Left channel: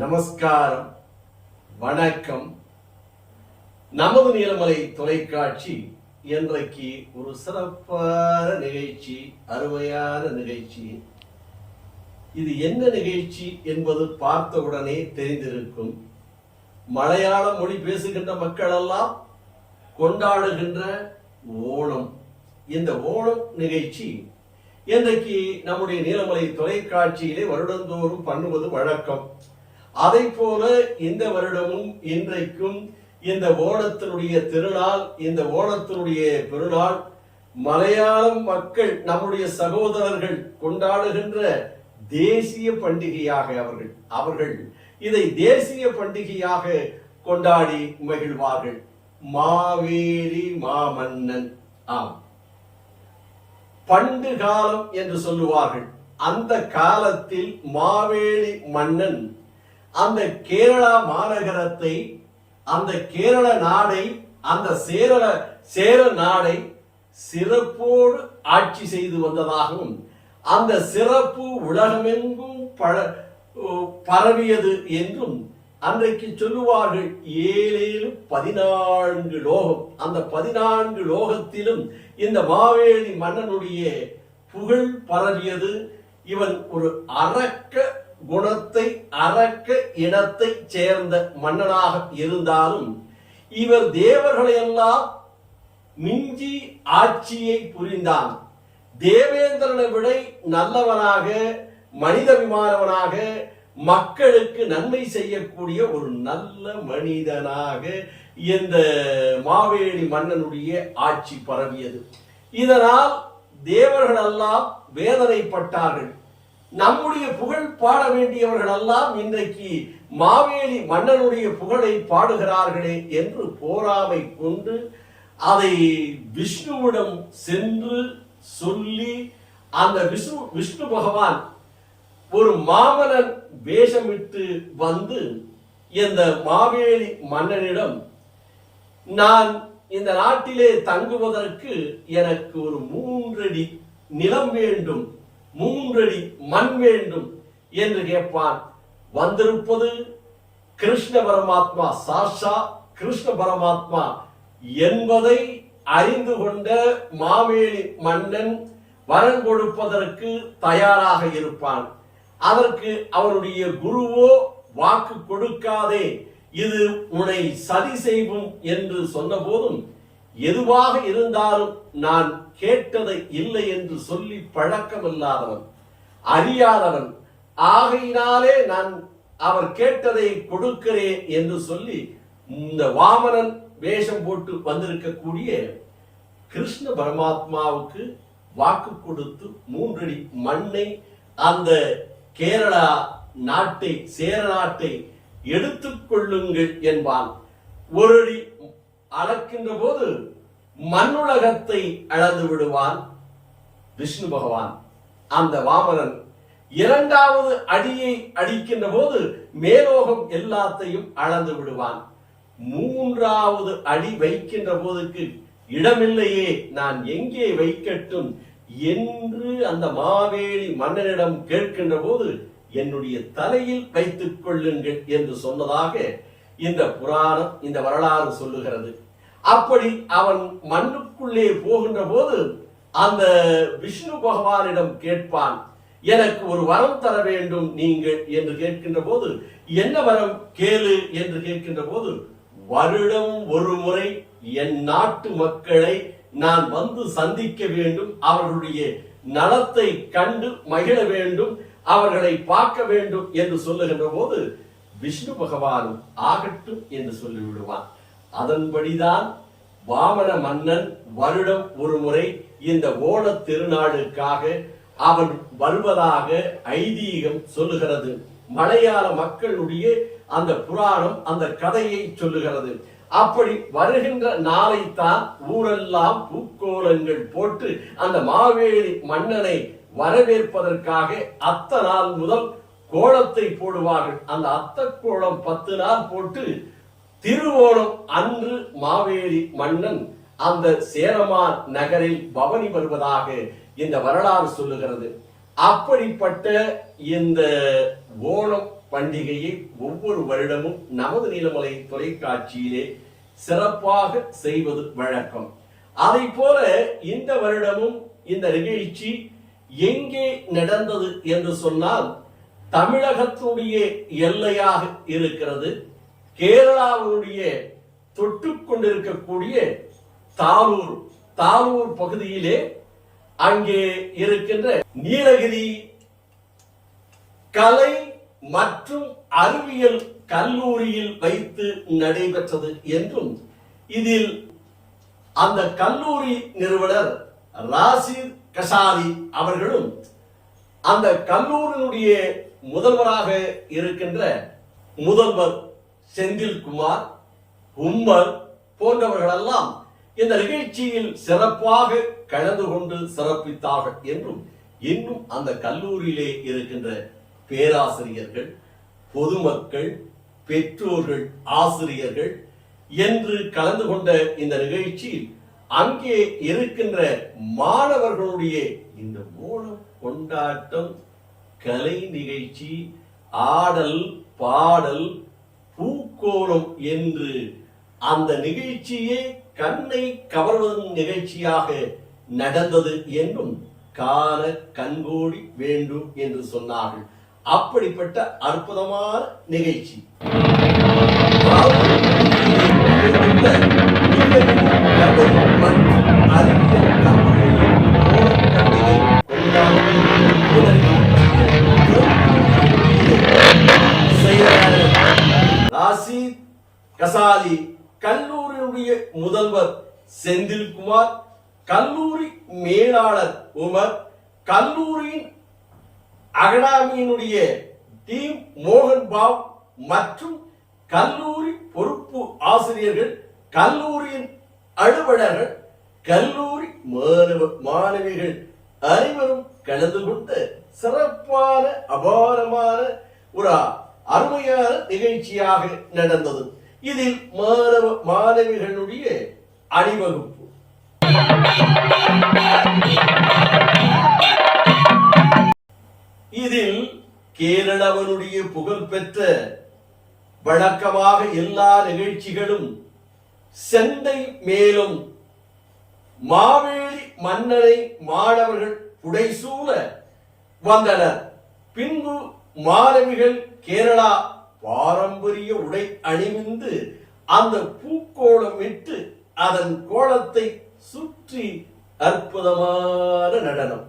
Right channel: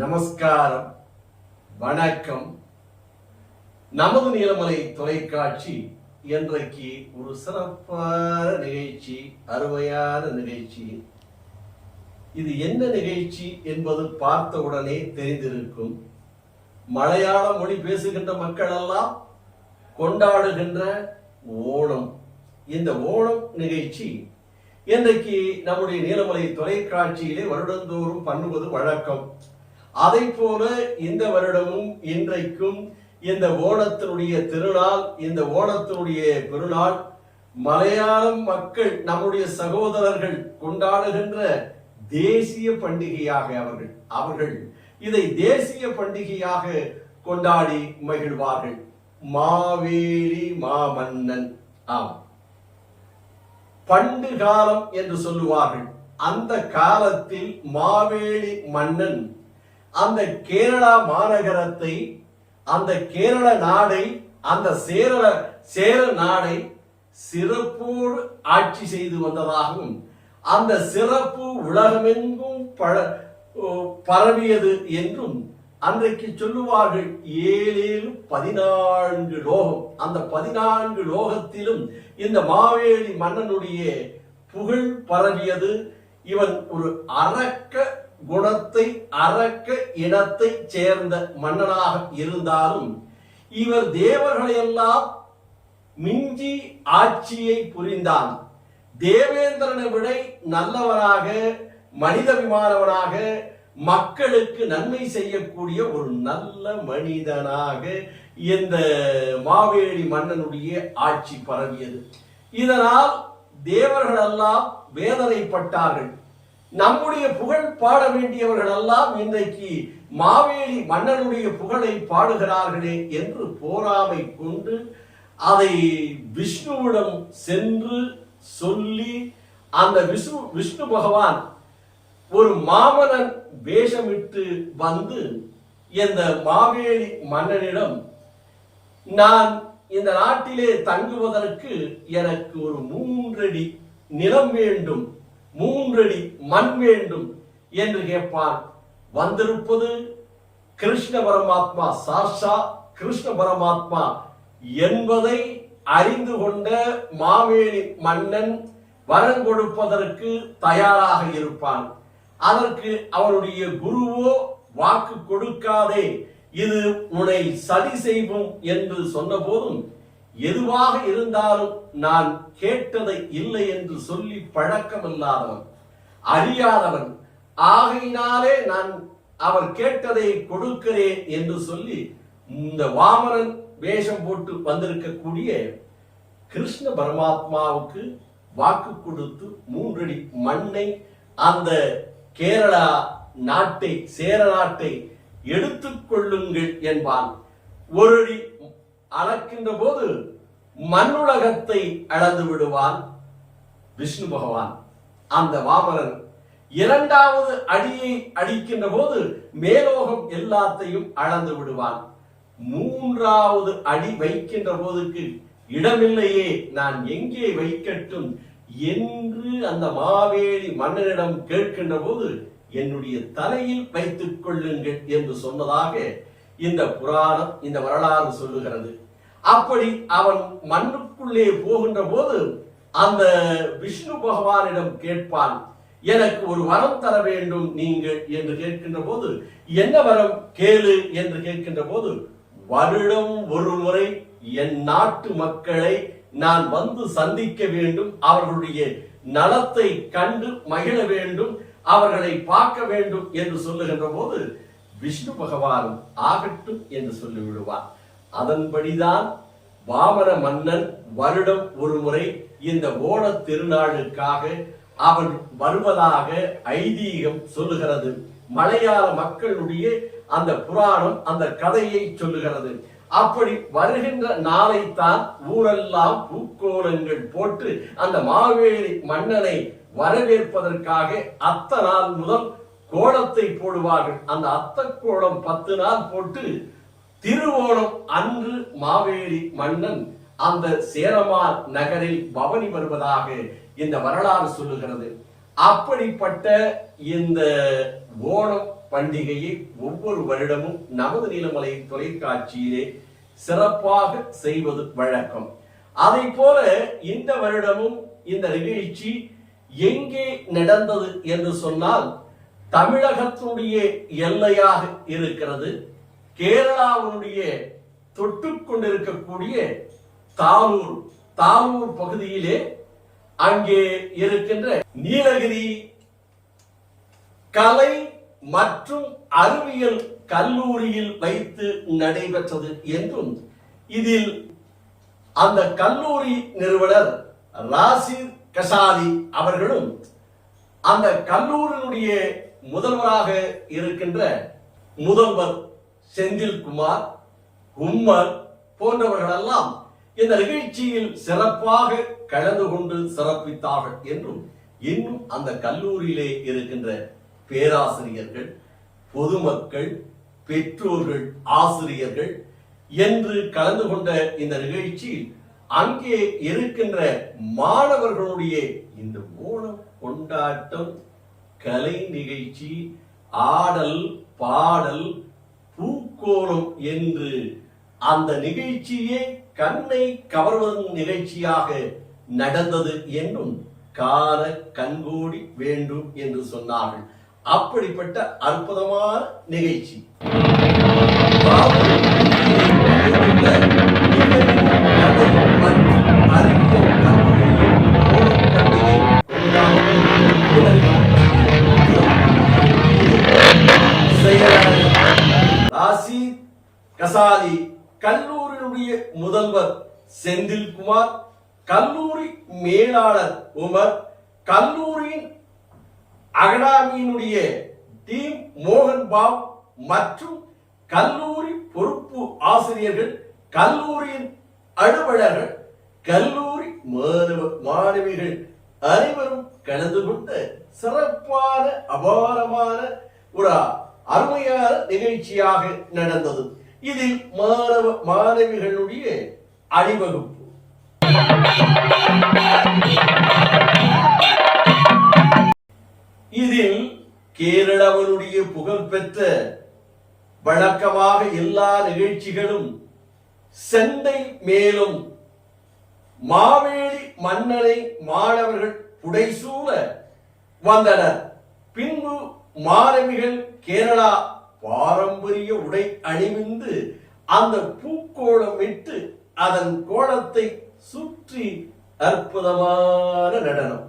நமஸ்காரம், வணக்கம். நமது நீலமலை தொலைக்காட்சி இன்றைக்கு ஒரு சிறப்பான நிகழ்ச்சி, அருமையான நிகழ்ச்சி. இது என்ன நிகழ்ச்சி என்பது பார்த்தவுடனே தெரிந்திருக்கும். மலையாள மொழி பேசுகின்ற மக்கள் எல்லாம் கொண்டாடுகின்ற ஓணம். இந்த ஓணம் நிகழ்ச்சி இன்றைக்கு நம்முடைய நீலமலை தொலைக்காட்சியிலே வருடந்தோறும் பண்ணுவது வழக்கம். அதை போல இந்த வருடமும் இன்றைக்கும் இந்த ஓணத்தினுடைய திருநாள், இந்த ஓணத்தினுடைய பெருநாள் மலையாளம் மக்கள், நம்முடைய சகோதரர்கள் கொண்டாடுகின்ற தேசிய பண்டிகையாக அவர்கள் இதை தேசிய பண்டிகையாக கொண்டாடி மகிழ்வார்கள். மாவேலி மாமன்னன். பண்டு காலம் என்று சொல்லுவார்கள். அந்த காலத்தில் மாவேலி மன்னன் அந்த கேரளா மாநகரத்தை, அந்த கேரள நாடை, அந்த சேர நாடை சிறப்போடு ஆட்சி செய்து வந்ததாகவும், அந்த சிறப்பு உலகமெங்கும் பரவியது என்றும் அன்றைக்கு சொல்லுவார்கள். 14 லோகம், அந்த 14 லோகத்திலும் இந்த மாவேலி மன்னனுடைய புகழ் பரவியது. இவன் ஒரு அரக்க குணத்தை, அரக்க இனத்தை சேர்ந்த மன்னனாக இருந்தாலும் இவர் தேவர்களை எல்லாம் மிஞ்சி ஆட்சியை புரிந்தான். தேவேந்திரனை விட நல்லவனாக, மனிதவிமானவனாக, மக்களுக்கு நன்மை செய்யக்கூடிய ஒரு நல்ல மனிதனாக இந்த மாவேலி மன்னனுடைய ஆட்சி பரவியது. இதனால் தேவர்கள் எல்லாம் வேதனைப்பட்டார்கள். நம்முடைய புகழ் பாட வேண்டியவர்கள் எல்லாம் இன்றைக்கு மாவேலி மன்னனுடைய புகழை பாடுகிறார்களே என்று போராமை கொண்டு அதை விஷ்ணுவிடம் சென்று சொல்லி, அந்த விஷ்ணு பகவான் ஒரு மாமன்னன் வேஷமிட்டு வந்து இந்த மாவேலி மன்னனிடம், நான் இந்த நாட்டிலே தங்குவதற்கு எனக்கு ஒரு 3 அடி நிலம் வேண்டும், 3 அடி மண் வேண்டும் என்று கேட்பான். வந்திருப்பது கிருஷ்ண பரமாத்மா, சாஷா கிருஷ்ண பரமாத்மா என்பதை அறிந்து கொண்ட மாவேலி மன்னன் வரம் கொடுப்பதற்கு தயாராக இருப்பான். அதற்கு அவருடைய குருவோ வாக்கு கொடுக்காதே, இது உன்னை சதி செய்வோம் என்று சொன்ன போதும், எதுவாக இருந்தாலும் நான் கேட்டதை இல்லை என்று சொல்லி பழக்கமில்லாதவன், அறியாதவன், ஆகையினாலே நான் அவர் கேட்டதை கொடுக்கிறேன் என்று சொல்லி இந்த வாமனன் வேஷம் போட்டு வந்திருக்கக்கூடிய கிருஷ்ண பரமாத்மாவுக்கு வாக்கு கொடுத்து 3 அடி மண்ணை, அந்த கேரளா நாட்டை, சேர நாட்டை எடுத்துக் கொள்ளுங்கள் என்பான். 1 அடி அளக்கின்ற போது மண்ணுலகத்தை அளந்து விடுவான் விஷ்ணு பகவான். அந்த வாமனன் 2வது அடியை அடிக்கின்ற போது மேலோகம் எல்லாத்தையும் அளந்து விடுவான். 3வது அடி வைக்கின்ற போதுக்கு இடமில்லையே, நான் எங்கே வைக்கட்டும் என்று அந்த மாவேலி மன்னனிடம் கேட்கின்ற போது, என்னுடைய தலையில் வைத்துக் கொள்ளுங்கள் என்று சொன்னதாக இந்த புராணம், இந்த வரலாறு சொல்லுகிறது. அப்படி அவன் மண்ணுக்குள்ளே போகின்ற போது அந்த விஷ்ணு பகவானிடம் கேட்பான், எனக்கு ஒரு வரம் தர வேண்டும் நீங்கள் என்று கேட்கின்ற போது, என்ன வரம் கேளு என்று கேட்கின்ற போது, வருடம் ஒரு முறை என் நாட்டு மக்களை நான் வந்து சந்திக்க வேண்டும், அவர்களுடைய நலத்தை கண்டு மகிழ வேண்டும், அவர்களை பார்க்க வேண்டும் என்று சொல்லுகின்ற போது விஷ்ணு பகவானும் ஆகட்டும் என்று சொல்லிவிடுவான். அதன்படிதான் வாமன மன்னன் வருடம் ஒரு முறை இந்த ஓண திருநாளுக்காக அவன் வருவதாக ஐதீகம் சொல்லுகிறது. மலையாள மக்களுடைய அந்த புராணம் அந்த கதையை சொல்லுகிறது. அப்படி வருகின்ற நாளைத்தான் ஊரெல்லாம் பூக்கோலங்கள் போட்டு அந்த மாவேலி மன்னனை வரவேற்பதற்காக அத்த நாள் முதல் கோலத்தை போடுவார்கள். அந்த அத்த கோலம் 10 நாள் போட்டு திருவோணம் அன்று மாவேலி மன்னன் அந்த சேரமான் நகரில் பவனி வருவதாக இந்த வரலாறு சொல்லுகிறது. அப்படிப்பட்ட இந்த ஓணம் பண்டிகையை ஒவ்வொரு வருடமும் நமது நீலமலை தொலைக்காட்சியிலே சிறப்பாக செய்வது வழக்கம். அதை போல இந்த வருடமும் இந்த நிகழ்ச்சி எங்கே நடந்தது என்று சொன்னால் தமிழகத்துடைய எல்லையாக இருக்கிறது. கேரளாவுடைய தொட்டு கொண்டிருக்கக்கூடிய தாலூர் பகுதியிலே அங்கே இருக்கின்ற நீலகிரி கலை மற்றும் அறிவியல் கல்லூரியில் வைத்து நடைபெற்றது என்றும் இதில் அந்த கல்லூரி நிறுவனர் ராசித் கசாலி அவர்களும் அந்த கல்லூரியினுடைய முதல்வராக இருக்கின்ற முதல்வர் செந்தில்குமார், உம்மர் போன்றவர்களெல்லாம் இந்த நிகழ்ச்சியில் சிறப்பாக கலந்து கொண்டு சிறப்பித்தார்கள் என்றும் இன்னும் அந்த கல்லூரியிலே இருக்கின்ற பேராசிரியர்கள், பொதுமக்கள், பெற்றோர்கள், ஆசிரியர்கள் என்று கலந்து கொண்ட இந்த நிகழ்ச்சியில் அங்கே இருக்கின்ற மாணவர்களுடைய இந்த ஓணம் கொண்டாட்டம், கலை நிகழ்ச்சி, ஆடல், பாடல், பூக்கோலம் என்று அந்த நிகழ்ச்சியே கண்ணை கவர்வதன் நிகழ்ச்சியாக நடந்தது என்றும் காண கண்கூடி வேண்டும் என்று சொன்னார்கள். அப்படிப்பட்ட அற்புதமான நிகழ்ச்சி. ராசித் கசாலி, கல்லூரியுடைய முதல்வர் செந்தில்குமார், கல்லூரி மேலாளர் உமர், கல்லூரியின் அகாடமியினுடைய டீம் மோகன் பாவ் மற்றும் கல்லூரி பொறுப்பு ஆசிரியர்கள், கல்லூரியின் அலுவலர்கள், கல்லூரி மாணவிகள் அனைவரும் கலந்து கொண்ட சிறப்பான அபாரமான ஒரு அருமையான நிகழ்ச்சியாக நடந்தது. இதில் மாணவிகளுடைய அணிவகுப்பு, இதில் கேரளாவினுடைய புகழ்பெற்ற வழக்கமாக எல்லா நிகழ்ச்சிகளும் செண்டை மேலும் மாவேலி மன்னனை மாணவர்கள் புடைசூழ வந்தனர். பின்பு மாணவிகள் கேரளா பாரம்பரிய உடை அணிவிந்து அந்த பூக்கோளமிட்டு அதன் கோலத்தை சுற்றி அற்புதமான நடனம்.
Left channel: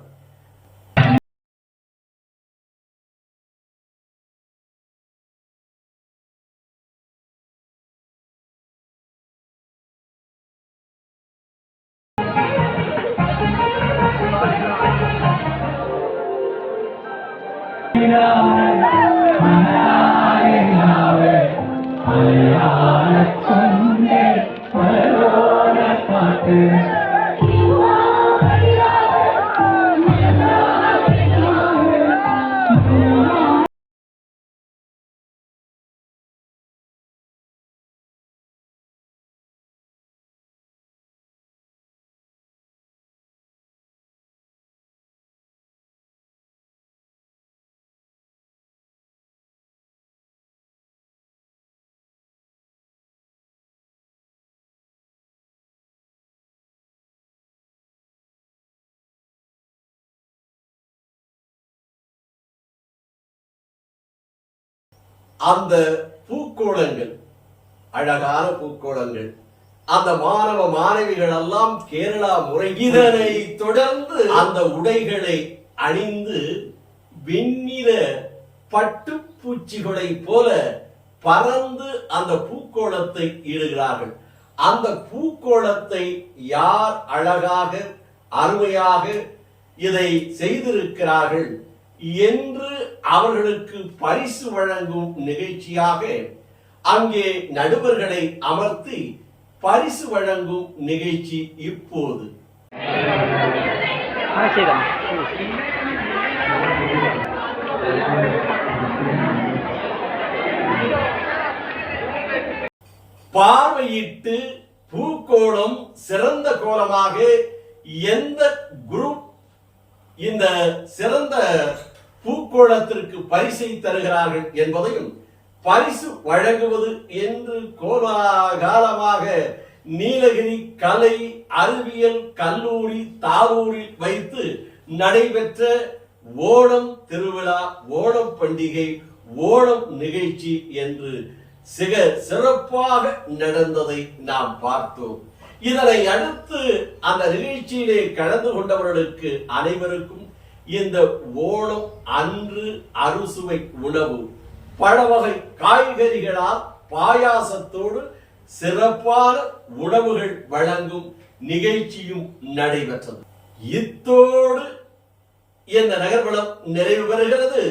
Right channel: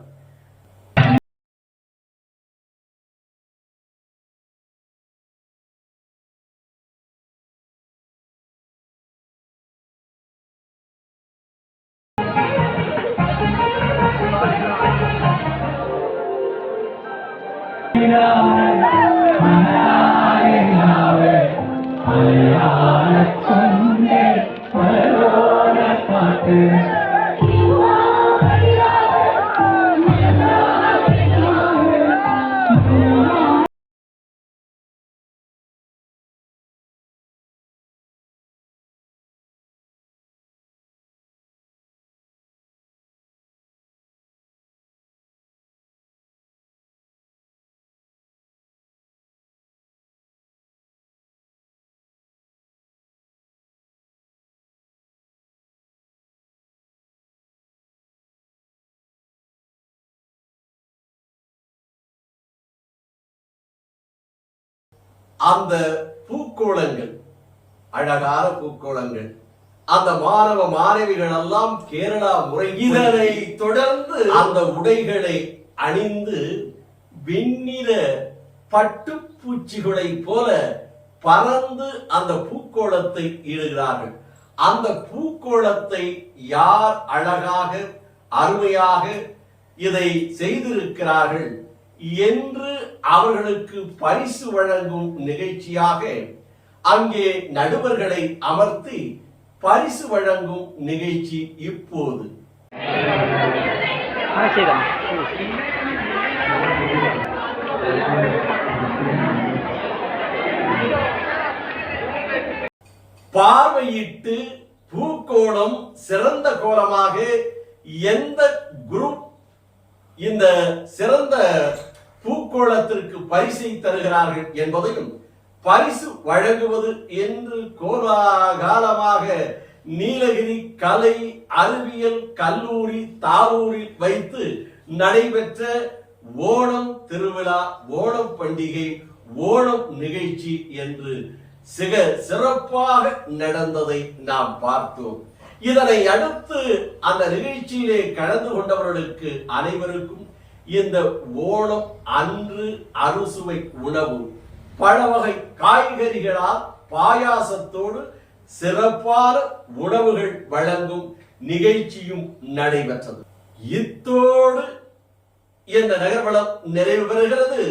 அந்த பூக்கோளங்கள், அழகான பூக்கோளங்கள், அந்த மாணவ மாணவிகள் எல்லாம் கேரளா முறை, இதனை தொடர்ந்து அந்த உடைகளை அணிந்து வெண்ணிற பட்டுப்பூச்சிகளை போல பறந்து அந்த பூக்கோளத்தை இடுகிறார்கள். அந்த பூக்கோளத்தை யார் அழகாக அருமையாக இதை செய்திருக்கிறார்கள் என்று அவர்களுக்கு பரிசு வழங்கும் நிகழ்ச்சியாக அங்கே நடுவர்களை அமர்த்தி பரிசு வழங்கும் நிகழ்ச்சி இப்போது. பார்வையிட்டு பூக்கோளம் சிறந்த கோலமாக எந்த குரூப் இந்த சிறந்த பூ பூக்கோளத்திற்கு பரிசை தருகிறார்கள் என்பதையும், பரிசு வழங்குவது என்று கோலாகாலமாக நீலகிரி கலை அறிவியல் கல்லூரி தாரூரில் வைத்து நடைபெற்ற ஓணம் திருவிழா, ஓணம் பண்டிகை, ஓணம் நிகழ்ச்சி என்று சிறப்பாக நடந்ததை நாம் பார்த்தோம். இதனை அடுத்து அந்த நிகழ்ச்சியிலே கலந்து கொண்டவர்களுக்கு அனைவருக்கும் இந்த ஓணம் அன்று அறுசுவை உணவு பல வகை காய்கறிகளால் பாயாசத்தோடு சிறப்பான உணவுகள் வழங்கும் நிகழ்ச்சியும் நடைபெற்றது. இத்தோடு இந்த நகர்வலம் நிறைவு பெறுகிறது.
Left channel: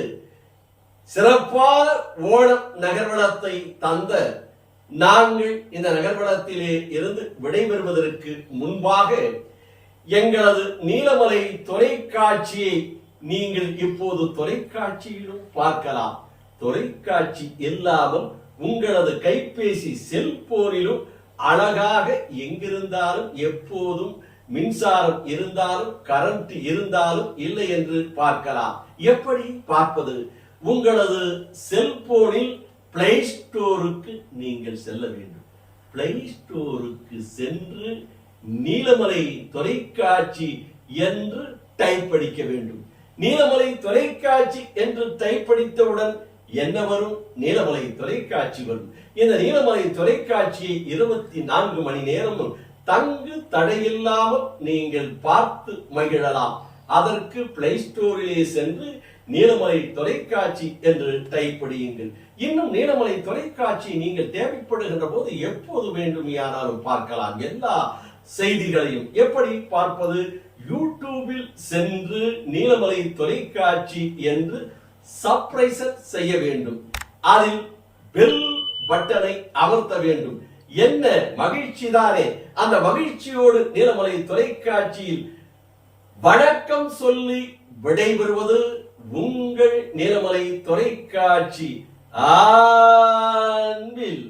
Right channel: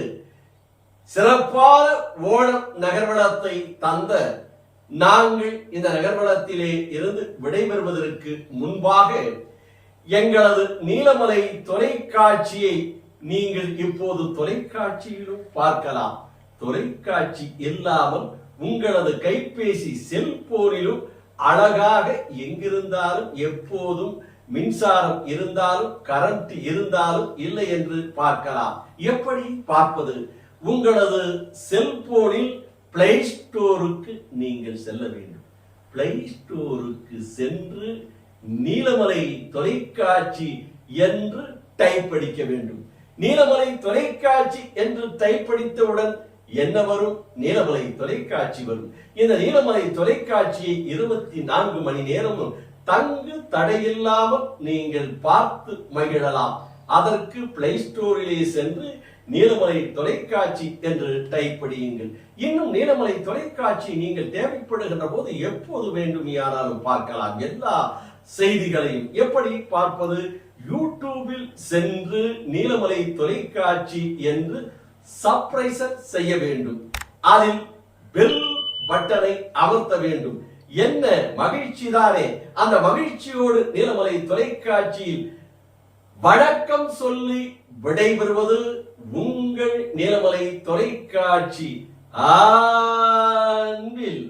சிறப்பான ஓணம் நகர்வலத்தை தந்த நாங்கள் இந்த நகர்வலத்திலே இருந்து விடைபெறுவதற்கு முன்பாக எங்களது நீலமலை தொலைக்காட்சியை நீங்கள் இப்போது தொலைக்காட்சியிலும் பார்க்கலாம். தொலைக்காட்சி இல்லாமல் உங்களது கைபேசி செல்போனிலும் அழகாக எங்கிருந்தாலும் எப்போதும் மின்சாரம் இருந்தாலும் கரண்ட் இருந்தாலும் இல்லை என்று பார்க்கலாம். எப்படி பார்ப்பது? உங்களது செல்போனில் பிளே ஸ்டோருக்கு நீங்கள் செல்ல வேண்டும். பிளே ஸ்டோருக்கு சென்று நீலமலை தொலைக்காட்சி என்று டைப் அடிக்க வேண்டும். நீலமலை தொலைக்காட்சி என்று டைப் அடித்தவுடன் என்ன வரும்? நீலமலை தொலைக்காட்சி வரும். இந்த நீலமலை தொலைக்காட்சியை 24 மணி நேரமும் தங்கு தடையில்லாமல் நீங்கள் பார்த்து மகிழலாம். அதற்கு பிளே ஸ்டோரிலே சென்று நீலமலை தொலைக்காட்சி என்று டைப் அடியுங்கள். இன்னும் நீலமலை தொலைக்காட்சி நீங்கள் தேவைப்படுகின்ற போது எப்போது வேண்டுமானாலும் பார்க்கலாம். எல்லா செய்திகளையும் எப்படி பார்ப்பது? யூடியூபில் சென்று நீலமலை தொலைக்காட்சி என்று சப்ஸ்கிரைப் செய்ய வேண்டும். அதில் பெல் பட்டனை அமர்த்த வேண்டும். என்ன மகிழ்ச்சி தானே! அந்த மகிழ்ச்சியோடு நீலமலை தொலைக்காட்சியில் வணக்கம் சொல்லி விடைபெறுவது உங்கள் நீலமலை தொலைக்காட்சி. அன்பில்